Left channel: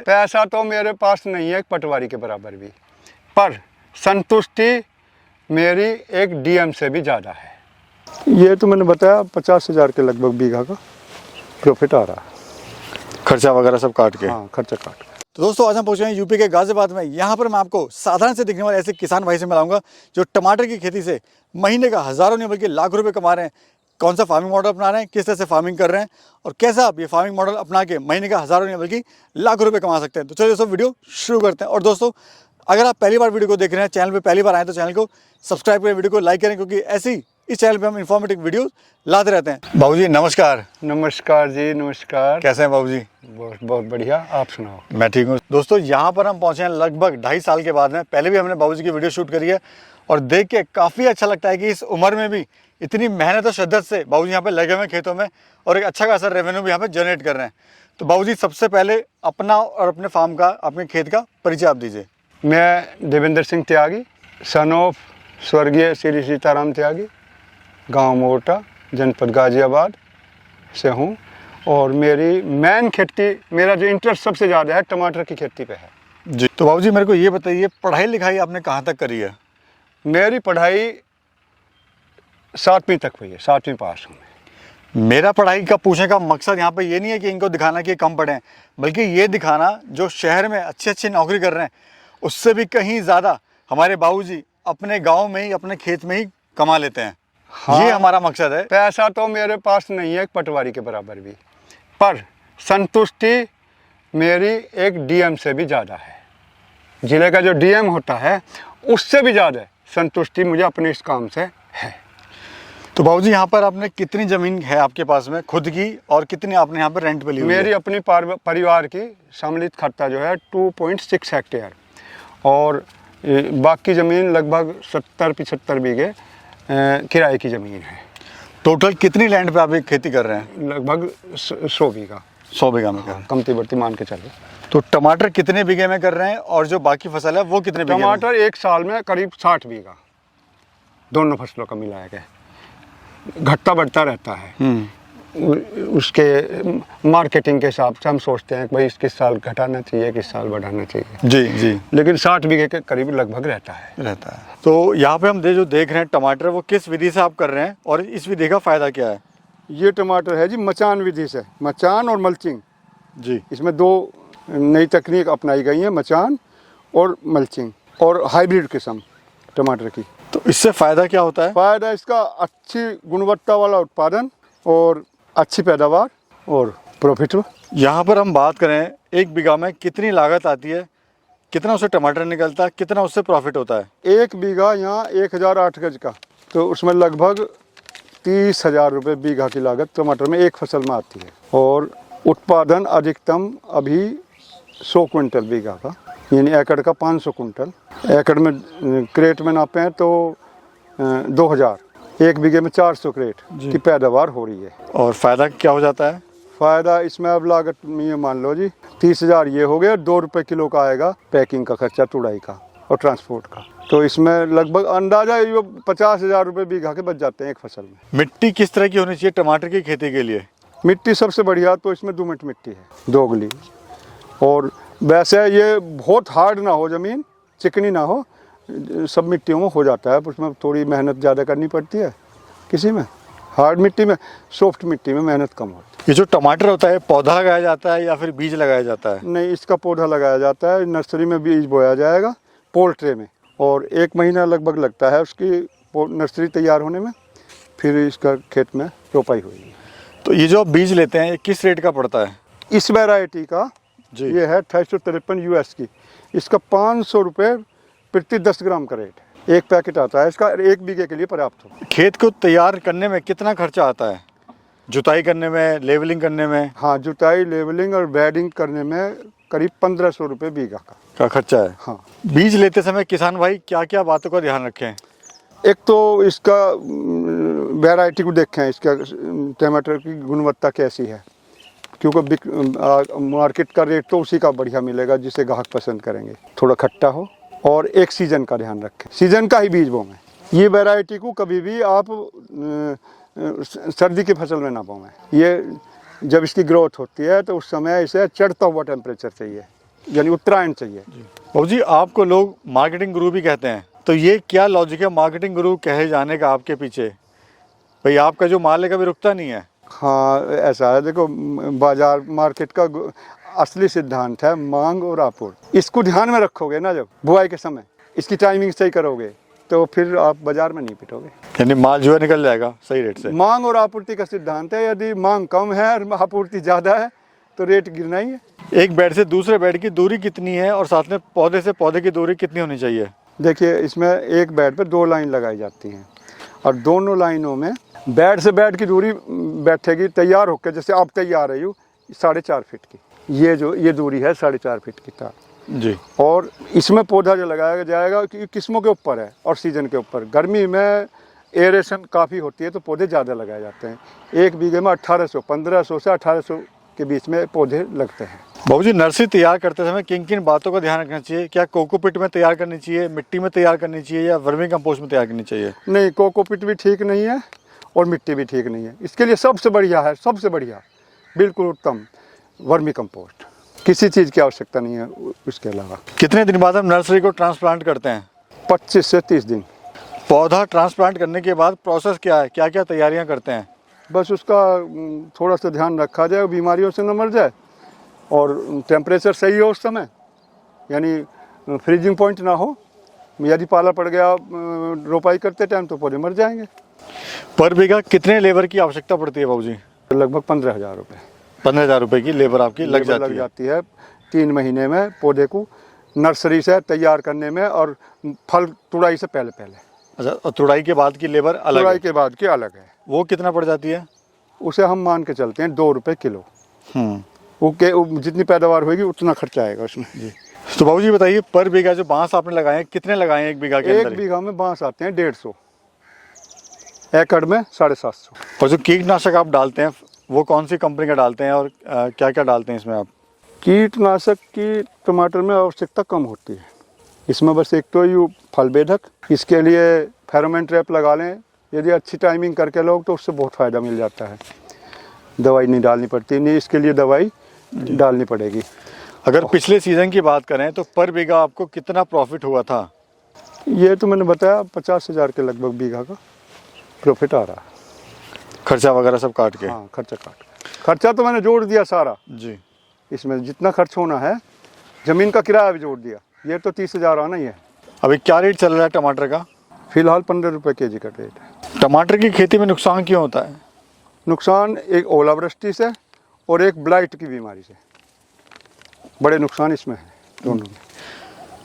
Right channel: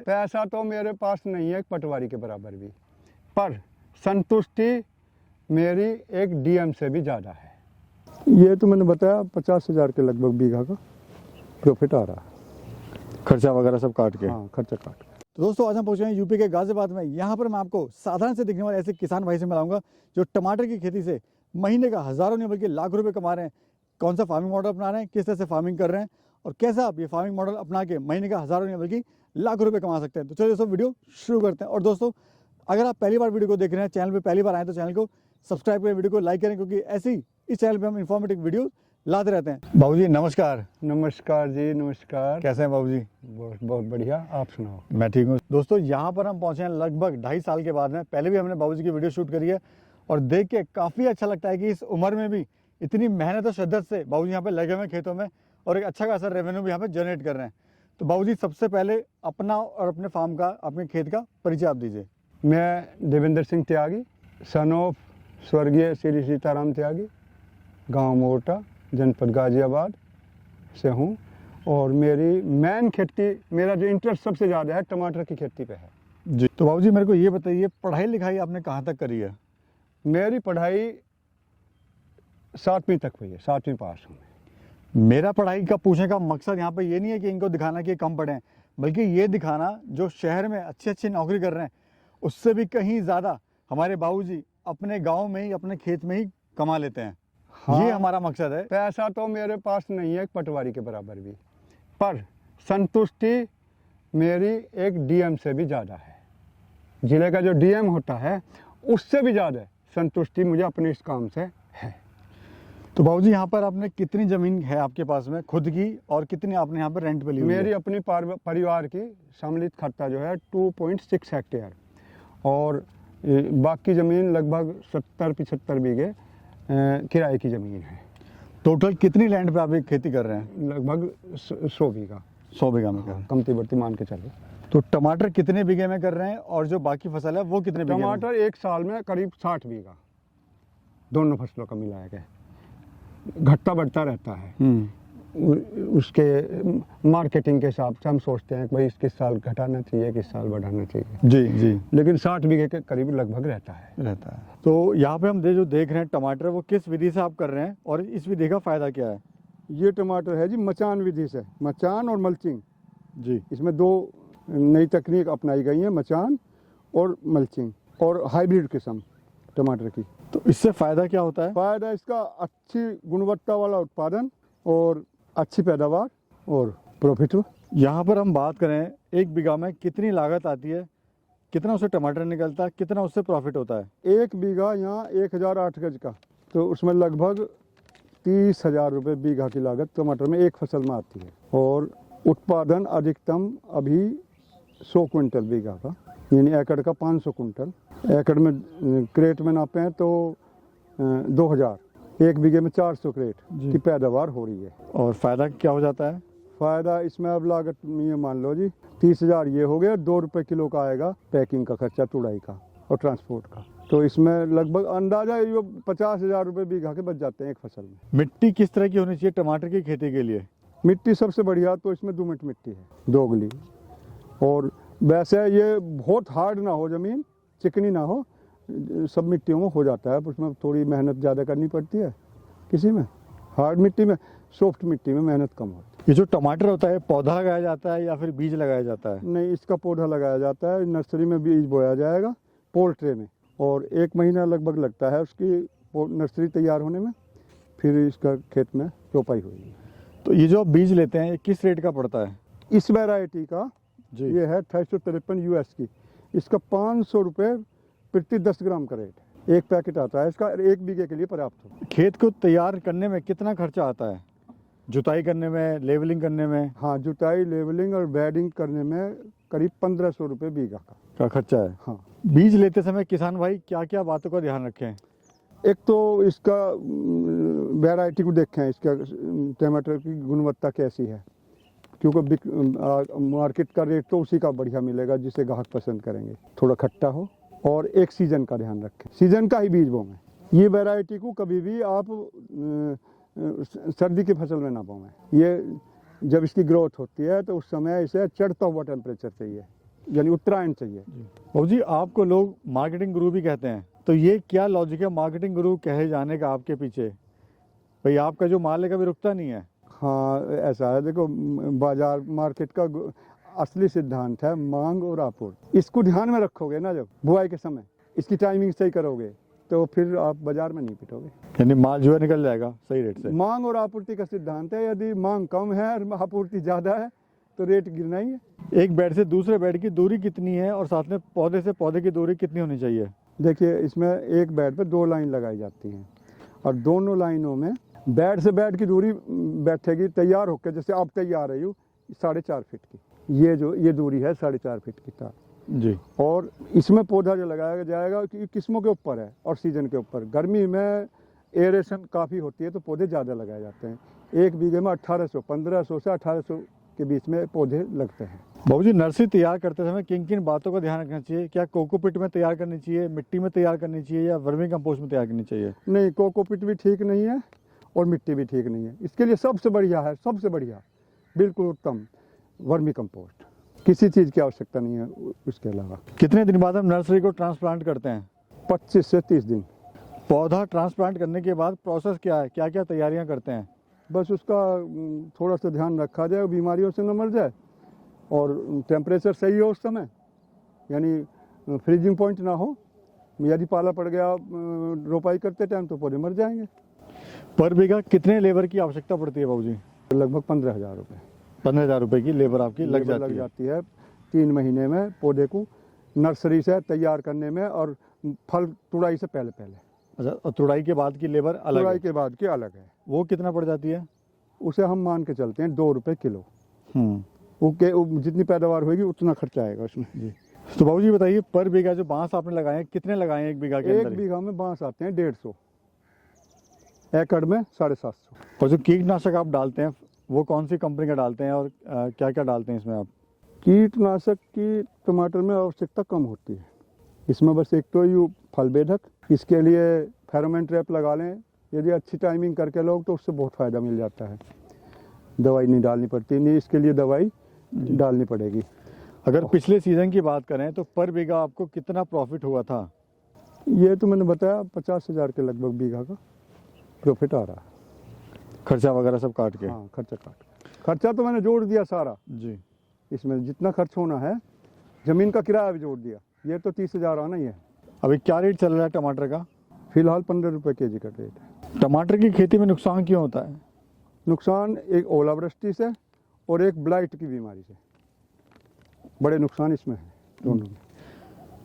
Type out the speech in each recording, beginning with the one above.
पैसा तो मेरे पास नहीं है एक पटवारी के बराबर भी, पर संतुष्टि मेरी एक डीएम से भी ज़्यादा है। ये तो मैंने बताया 50,000 के लगभग बीघा का प्रॉफिट आ रहा है, खर्चा वगैरह सब काट के। हाँ, खर्चा काट के। तो दोस्तों आज हम पहुंचे हैं यूपी के गाजियाबाद में। यहाँ पर मैं आपको साधारण से दिखने वाले ऐसे किसान भाई से मिलाऊंगा जो टमाटर की खेती से महीने का हज़ारों नहीं बल्कि लाख रुपए कमा रहे हैं। कौन सा फार्मिंग मॉडल अपना रहे हैं, किस तरह से फार्मिंग कर रहे हैं और कैसा आप ये फार्मिंग मॉडल अपना के महीने का हज़ारों नहीं बल्कि लाख रुपए कमा सकते हैं। तो चलिए दोस्तों वीडियो शुरू करते हैं। और दोस्तों अगर आप पहली बार वीडियो को देख रहे हैं, चैनल पर पहली बार आए तो चैनल को सब्सक्राइब करें, वीडियो को लाइक करें, क्योंकि ऐसी इस चैनल पे हम इन्फॉर्मेटिव वीडियो लाते रहते हैं। बाबूजी नमस्कार। नमस्कार जी, नमस्कार। कैसे हैं बाबूजी? बहुत बहुत बढ़िया, आप सुनाओ। मैं ठीक हूँ। दोस्तों यहाँ पर हम पहुँचे हैं लगभग 2.5 साल के बाद में। पहले भी हमने बाबूजी की वीडियो शूट करी है और देख के काफ़ी अच्छा लगता है कि इस उम्र में भी इतनी मेहनत और शिद्दत से बाबूजी यहाँ पे लगे हुए खेतों में और एक अच्छा खासा रेवेन्यू भी यहाँ पे जनरेट कर रहे हैं। तो बाबूजी सबसे पहले अपना और अपने फार्म का, अपने खेत का परिचय आप दीजिए। मैं देवेंद्र सिंह त्यागी, सन ऑफ स्वर्गीय श्री सीताराम त्यागी, गांव मोटा, जनपद गाजियाबाद से हूँ। और मेरी मेन खेती, मेरा जो इंटरेस्ट सबसे ज़्यादा है टमाटर की खेती पे है जी। तो बाबूजी मेरे को ये बताइए, पढ़ाई लिखाई आपने कहाँ तक करी है? मेरी पढ़ाई 7वीं तक हुई है, 7वीं पास हूँ मैं। मेरा पढ़ाई का पूछने का मकसद यहाँ पे ये नहीं है कि इनको दिखाना कि कम पढ़े हैं, बल्कि ये दिखाना जो शहर में अच्छी अच्छी नौकरी कर रहे हैं उससे भी कहीं ज़्यादा हमारे बाबूजी अपने गांव में ही, अपने खेत में ही कमा लेते हैं। हाँ, ये हमारा मकसद है। पैसा तो मेरे पास नहीं है एक पटवारी के बराबर भी, पर संतुष्टि मेरी एक डीएम से भी ज़्यादा है। ज़िले का जो डीएम होता है उससे भी ज़्यादा संतुष्टि मुझे अपने इस काम से है। तो बाबूजी यहाँ पर आपने कितनी ज़मीन है आपके पास में खुद की, और कितनी आपने यहाँ पर रेंट पे ली हुई है? मेरी अपनी परिवार की सम्मिलित खर्चा जो है 2.6 हेक्टेयर, और बाकी ज़मीन लगभग 70-75 बीघे किराए की ज़मीन है। टोटल कितनी लैंड पे आप ये खेती कर रहे हैं? लगभग 100 बीघा। 100 बीघा में कर। कमती बढ़ती मान के चलो। तो टमाटर कितने बीघे में कर रहे हैं और जो बाकी फसल है वो कितने बीघे में? टमाटर एक साल में करीब 60 बीघा, दोनों फसलों का मिलाया गया, घटता बढ़ता रहता है। उसके मार्केटिंग के हिसाब से हम सोचते हैं कि भाई किस साल घटाना चाहिए, किस साल बढ़ाना चाहिए। जी जी। लेकिन 60 बीघे के करीब लगभग रहता है। तो यहाँ पे हम जो देख रहे हैं टमाटर, वो किस विधि से आप कर रहे हैं और इस विधि का फ़ायदा क्या है? ये टमाटर है जी मचान विधि से, मचान और मल्चिंग जी। इसमें 2 नई तकनीक अपनाई गई है, मचान और मल्चिंग, और हाइब्रिड किस्म टमाटर की। तो इससे फ़ायदा क्या होता है? फ़ायदा इसका अच्छी गुणवत्ता वाला उत्पादन और अच्छी पैदावार और प्रॉफिट। यहाँ पर हम बात करें 1 बीघा में कितनी लागत आती है, कितना उससे टमाटर निकलता है, कितना उससे प्रॉफिट होता है? 1 बीघा यहाँ 1008 गज का, तो उसमें लगभग 30,000 रुपये बीघा की लागत टमाटर में एक फसल में आती है। और उत्पादन अधिकतम अभी 100 क्विंटल बीघा का, यानी एकड़ का 500 कुंटल। एकड़ में क्रेट में नापे हैं तो 2000, 1 बीघे में 400 क्रेट की पैदावार हो रही है। और फ़ायदा क्या हो जाता है? फ़ायदा इसमें अब लागत ये मान लो जी 30,000 ये हो गया, 2 रुपये किलो का आएगा पैकिंग का खर्चा, तुड़ाई का और ट्रांसपोर्ट का। तो इसमें लगभग अंदाजा ये 50,000 रुपये बीघा के बच जाते हैं एक फसल में। मिट्टी किस तरह की होनी चाहिए टमाटर की खेती के लिए? मिट्टी सबसे बढ़िया तो इसमें दोमट मिट्टी है, दोगली। और वैसे ये बहुत हार्ड ना हो, ज़मीन चिकनी ना हो, सब मिट्टियों में हो जाता है, उसमें थोड़ी मेहनत ज़्यादा करनी पड़ती है। किसी में हार्ड मिट्टी में, सॉफ्ट मिट्टी में मेहनत कम होती है। ये जो टमाटर होता है पौधा लगाया जाता है या फिर बीज लगाया जाता है? नहीं, इसका पौधा लगाया जाता है, नर्सरी में बीज बोया जाएगा पोल्ट्रे में, और 1 महीना लगभग लगता है उसकी नर्सरी तैयार होने में, फिर इसका खेत में रोपाई हुई। तो ये जो आप बीज लेते हैं ये किस रेट का पड़ता है? इस वैरायटी का जी। ये है 2853 यूएस की, इसका 500 रुपये प्रति 10 ग्राम का रेट है। 1 पैकेट आता है इसका, 1 बीघे के लिए पर्याप्त हो। खेत को तैयार करने में कितना खर्चा आता है? जुताई करने में, लेवलिंग करने में? हाँ, जुताई, लेवलिंग और बेडिंग करने में करीब 1500 रुपये बीघा का खर्चा है। हाँ। बीज लेते समय किसान भाई क्या क्या बातों का ध्यान रखें? एक तो इसका वैरायटी को देखें, इसका टमाटर की गुणवत्ता कैसी है, क्योंकि मार्केट का रेट तो उसी का बढ़िया मिलेगा जिसे ग्राहक पसंद करेंगे। थोड़ा खट्टा हो और एक सीजन का ध्यान रखें, सीजन का ही बीज बोएं। ये वैरायटी को कभी भी आप सर्दी की फसल में ना बोएं। ये जब इसकी ग्रोथ होती है तो उस समय इसे चढ़ता हुआ टेम्परेचर चाहिए, यानी उत्तरायण चाहिए। बाबू जी, आपको लोग मार्केटिंग गुरु भी कहते हैं, तो ये क्या लॉजिक है मार्केटिंग गुरु कहे जाने का आपके पीछे? भाई आपका जो माल है कभी रुकता नहीं है। हाँ, ऐसा है, देखो बाजार मार्केट का असली सिद्धांत है मांग और आपूर्ति। इसको ध्यान में रखोगे ना, जब बुआई के समय इसकी टाइमिंग सही करोगे तो फिर आप बाजार में नहीं पिटोगे, यानी माल जो है निकल जाएगा सही रेट से। मांग और आपूर्ति का सिद्धांत है। यदि मांग कम है और आपूर्ति ज़्यादा है तो रेट गिरना ही है। एक बेड से दूसरे बेड की दूरी कितनी है और साथ में पौधे से पौधे की दूरी कितनी होनी चाहिए? देखिए, इसमें एक बेड पर 2 लाइन लगाई जाती हैं और दोनों लाइनों में बेड से बेड की दूरी बैठेगी तैयार होकर, जैसे आप तैयार रही हो 4.5 फीट की, ये दूरी है 4.5 फीट की तार जी। और इसमें पौधा जो लगाया जाएगा कि किस्मों के ऊपर है और सीजन के ऊपर। गर्मी में एरेशन काफ़ी होती है तो पौधे ज़्यादा लगाए जाते हैं। 1 बीघे में 1500 से 1800 के बीच में पौधे लगते हैं। बाबू जी, नर्सरी तैयार करते समय किन किन बातों का ध्यान रखना चाहिए? क्या कोकोपिट में तैयार करनी चाहिए, मिट्टी में तैयार करनी चाहिए या वर्मी कंपोस्ट में तैयार करनी चाहिए? नहीं, कोकोपिट भी ठीक नहीं है और मिट्टी भी ठीक नहीं है। इसके लिए सबसे बढ़िया है, सबसे बढ़िया, बिल्कुल उत्तम, वर्मी कंपोस्ट। किसी चीज़ की आवश्यकता नहीं है उसके अलावा। कितने दिन बाद हम नर्सरी को ट्रांसप्लांट करते हैं? 25 से 30 दिन। पौधा ट्रांसप्लांट करने के बाद प्रोसेस क्या है, क्या क्या तैयारियां करते हैं? बस उसका थोड़ा सा ध्यान रखा जाए, बीमारियों से न मर जाए और टेम्परेचर सही हो उस समय, यानी फ्रीजिंग पॉइंट ना हो। यदि पाला पड़ गया रोपाई करते टाइम तो पौधे मर जाएंगे। पर बीघा कितने लेबर की आवश्यकता पड़ती है बाबू जी? लगभग 15,000 रुपये। 15,000 रुपये की लेबर आपकी लग जाती है। 3 महीने में पौधे को नर्सरी से तैयार करने में और फल तुड़ाई से पहले। अच्छा, और तुड़ाई के बाद की लेबर अलग तुड़ाई है? के बाद की अलग है। वो कितना पड़ जाती है? उसे हम मान के चलते हैं 2 रुपये किलो। वो जितनी पैदावार होगी उतना खर्चा आएगा उसमें जी। तो बाबू जी बताइए, पर बीघा जो बांस आपने लगाए हैं कितने लगाए हैं 1 बीघा के अंदर? 1 बीघा में बांस आते हैं 150, एकड़ में 750। और जो कीटनाशक आप डालते हैं वो कौन सी कंपनी का डालते हैं और क्या क्या डालते हैं इसमें आप? कीटनाशक की टमाटर में आवश्यकता कम होती है। इसमें बस एक तो ये फल बेधक, इसके लिए फेरोमोन ट्रैप लगा लें। यदि अच्छी टाइमिंग करके लोग तो उससे बहुत फ़ायदा मिल जाता है। दवाई नहीं डालनी पड़ती, नहीं इसके लिए दवाई डालनी पड़ेगी। अगर पिछले सीज़न की बात करें तो पर बीघा आपको कितना प्रॉफिट हुआ था? ये तो मैंने बताया 50,000 के लगभग बीघा का प्रॉफिट आ रहा है। खर्चा वगैरह सब काट के? हाँ, खर्चा तो मैंने जोड़ दिया सारा जी। इसमें जितना खर्च होना है, ज़मीन का किराया भी जोड़ दिया। ये तो 30,000 आना ही है। अभी क्या रेट चल रहा है टमाटर का? फिलहाल 15 रुपये केजी का रेट है। टमाटर की खेती में नुकसान क्यों होता है? नुकसान एक ओलावृष्टि से और एक ब्लाइट की बीमारी से, बड़े नुकसान इसमें है दोनों में।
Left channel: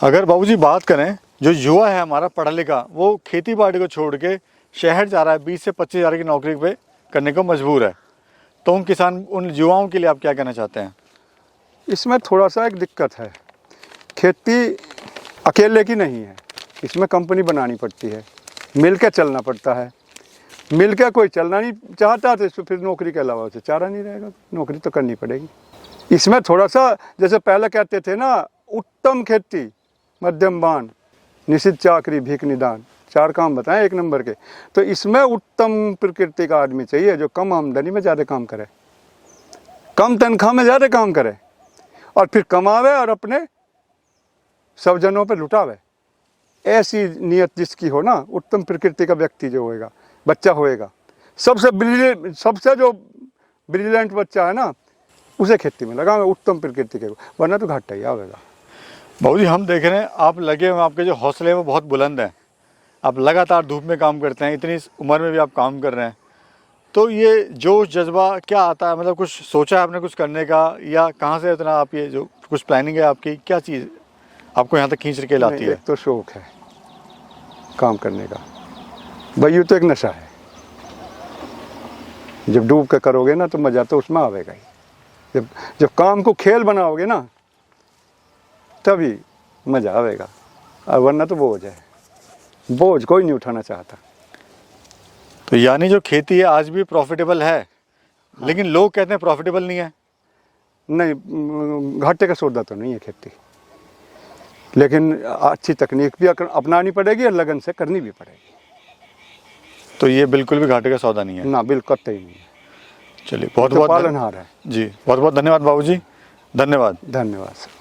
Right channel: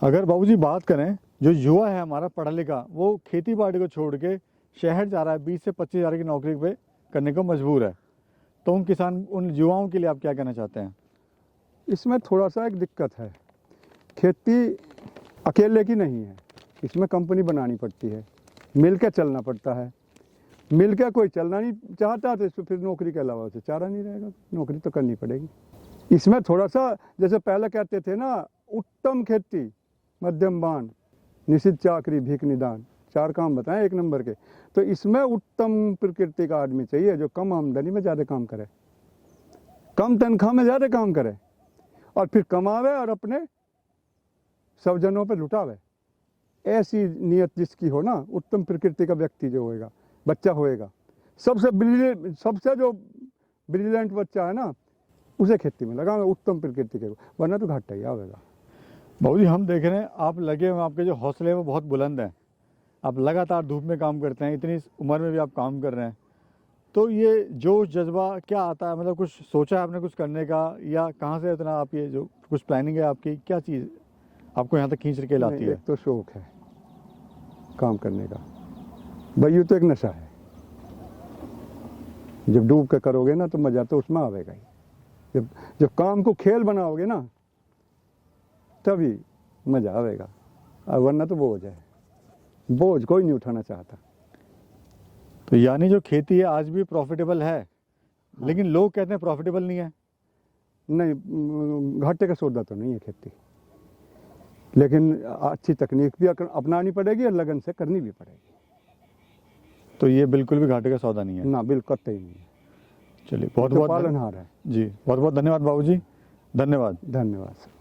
अगर बाबूजी बात करें, जो युवा है हमारा पढ़ा लिखा, वो खेती बाड़ी को छोड़ के शहर जा रहा है, 20 से 25,000 की नौकरी पे करने को मजबूर है, तो उन युवाओं के लिए आप क्या कहना चाहते हैं? इसमें थोड़ा सा एक दिक्कत है, खेती अकेले की नहीं है, इसमें कंपनी बनानी पड़ती है, मिल के चलना पड़ता है। मिल के कोई चलना नहीं चाहता तो फिर नौकरी के अलावा उसे चारा नहीं रहेगा, नौकरी तो करनी पड़ेगी। इसमें थोड़ा सा, जैसे पहले कहते थे ना, उत्तम खेती, मध्यम बान, निश्चित चाकरी, भीख निदान, 4 काम बताएं 1 नंबर के। तो इसमें उत्तम प्रकृति का आदमी चाहिए जो कम आमदनी में ज़्यादा काम करे, कम तनख्वाह में ज़्यादा काम करे और फिर कमावे और अपने सब जनों पर लुटावे। ऐसी नियत जिसकी हो ना, उत्तम प्रकृति का व्यक्ति जो होएगा, बच्चा होएगा, सबसे जो ब्रिलियंट बच्चा है ना, उसे खेती में लगावे, उत्तम प्रकृति के, वरना तो घाटा ही आवेगा। बाबूजी, हम देख रहे हैं आप लगे हुए, आपके जो हौसले हैं वो बहुत बुलंद हैं, आप लगातार धूप में काम करते हैं, इतनी उम्र में भी आप काम कर रहे हैं, तो ये जोश जज्बा क्या आता है? मतलब कुछ सोचा है आपने कुछ करने का, या कहाँ से इतना आप ये जो कुछ प्लानिंग है आपकी, क्या चीज़ आपको यहाँ तक खींच के लाती है? एक तो शौक है काम करने का, भाई तो एक नशा है। जब डूब के करोगे ना तो मज़ा तो उसमें आवेगा ही। जब काम को खेल बनाओगे ना तभी मज़ा आवेगा, और वरना तो बोझ है, बोझ कोई नहीं उठाना चाहता। तो यानी जो खेती है आज भी प्रॉफिटेबल है? हाँ। लेकिन लोग कहते हैं प्रॉफिटेबल नहीं है। नहीं, घाटे का सौदा तो नहीं है खेती, लेकिन अच्छी तकनीक भी अपनानी पड़ेगी और लगन से करनी भी पड़ेगी। तो ये बिल्कुल भी घाटे का सौदा नहीं है ना, बिल्कुल कतई नहीं है। चलिए, बहुत बहुत पालनहार है जी, बहुत बहुत धन्यवाद बाबूजी, धन्यवाद। धन्यवाद सर।